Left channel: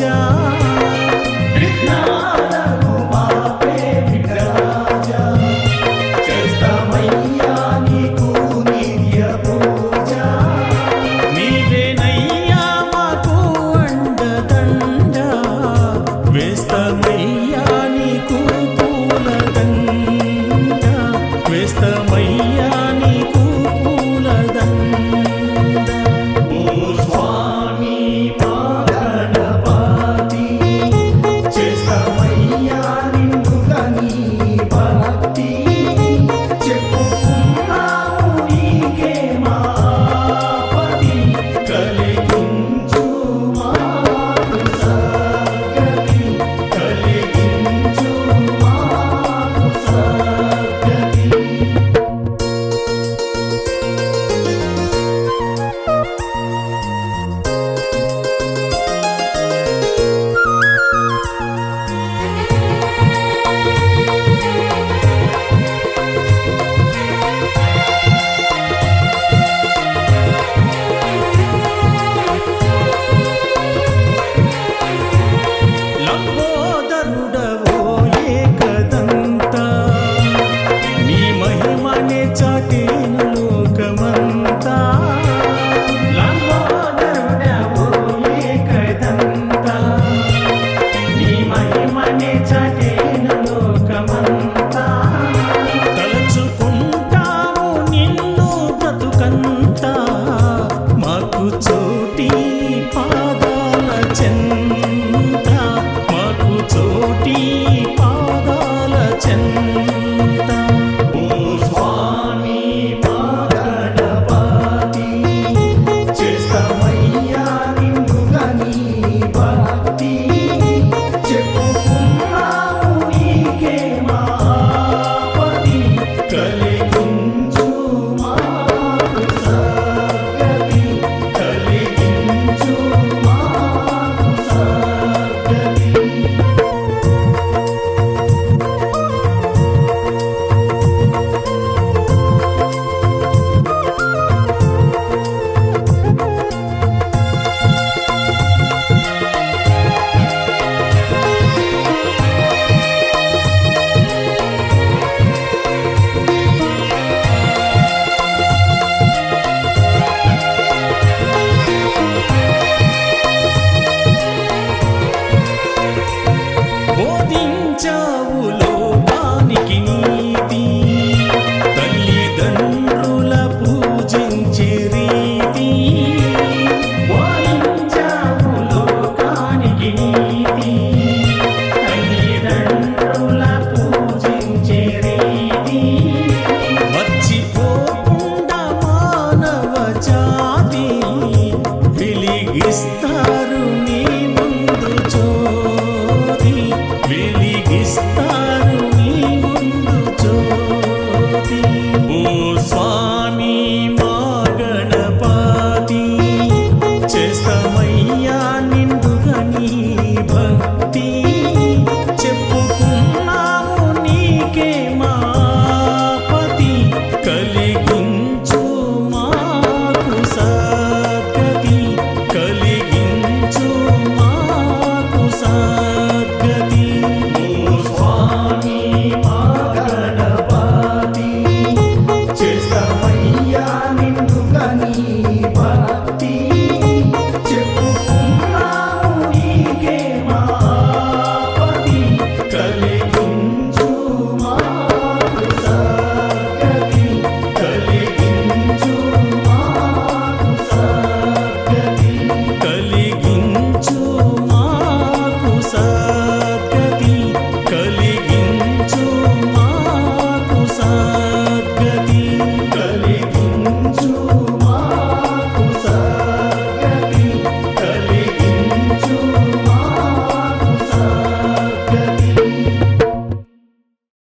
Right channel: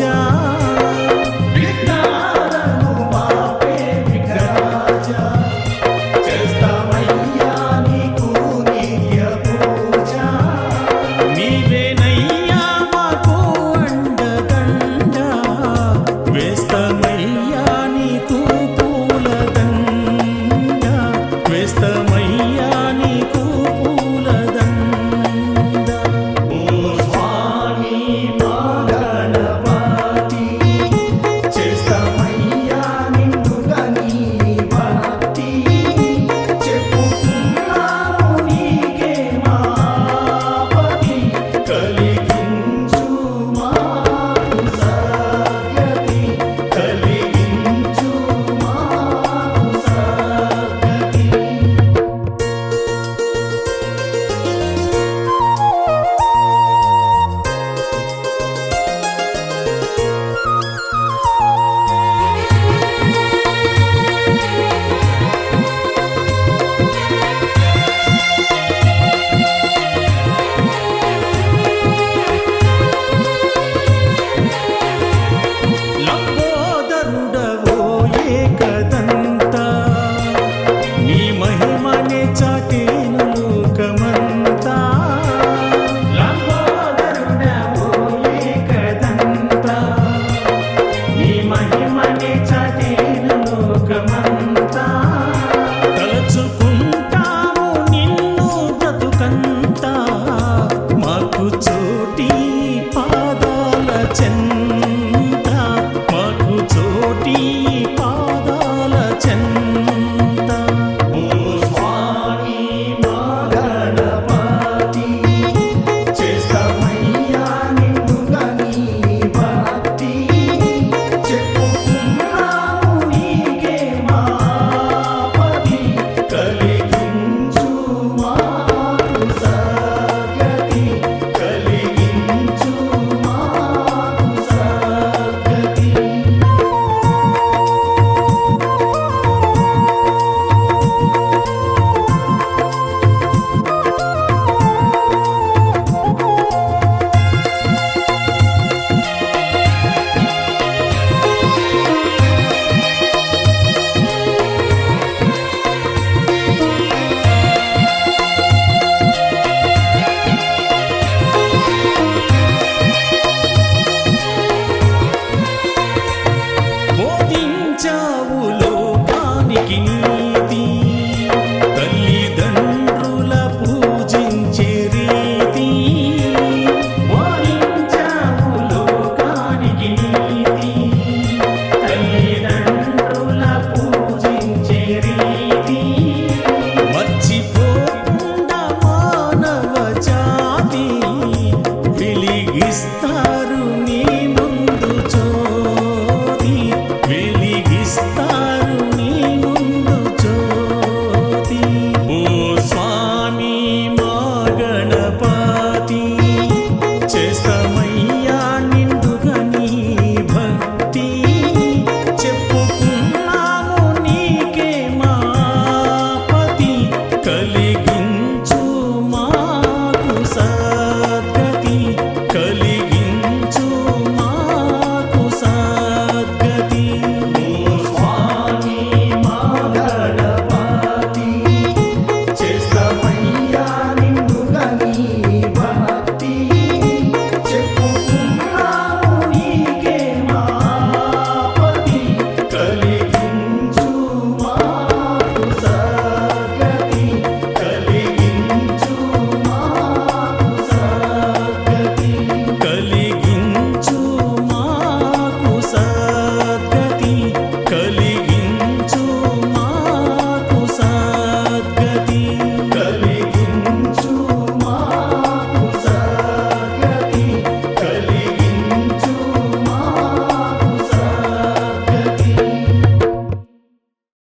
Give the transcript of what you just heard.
যা చెంత మాకు చోటి పాదాల చెంత. తెచ్చావు లోకానికి నీతి. తల్లిదండ్రుల పూజించే రీతి. మర్చిపో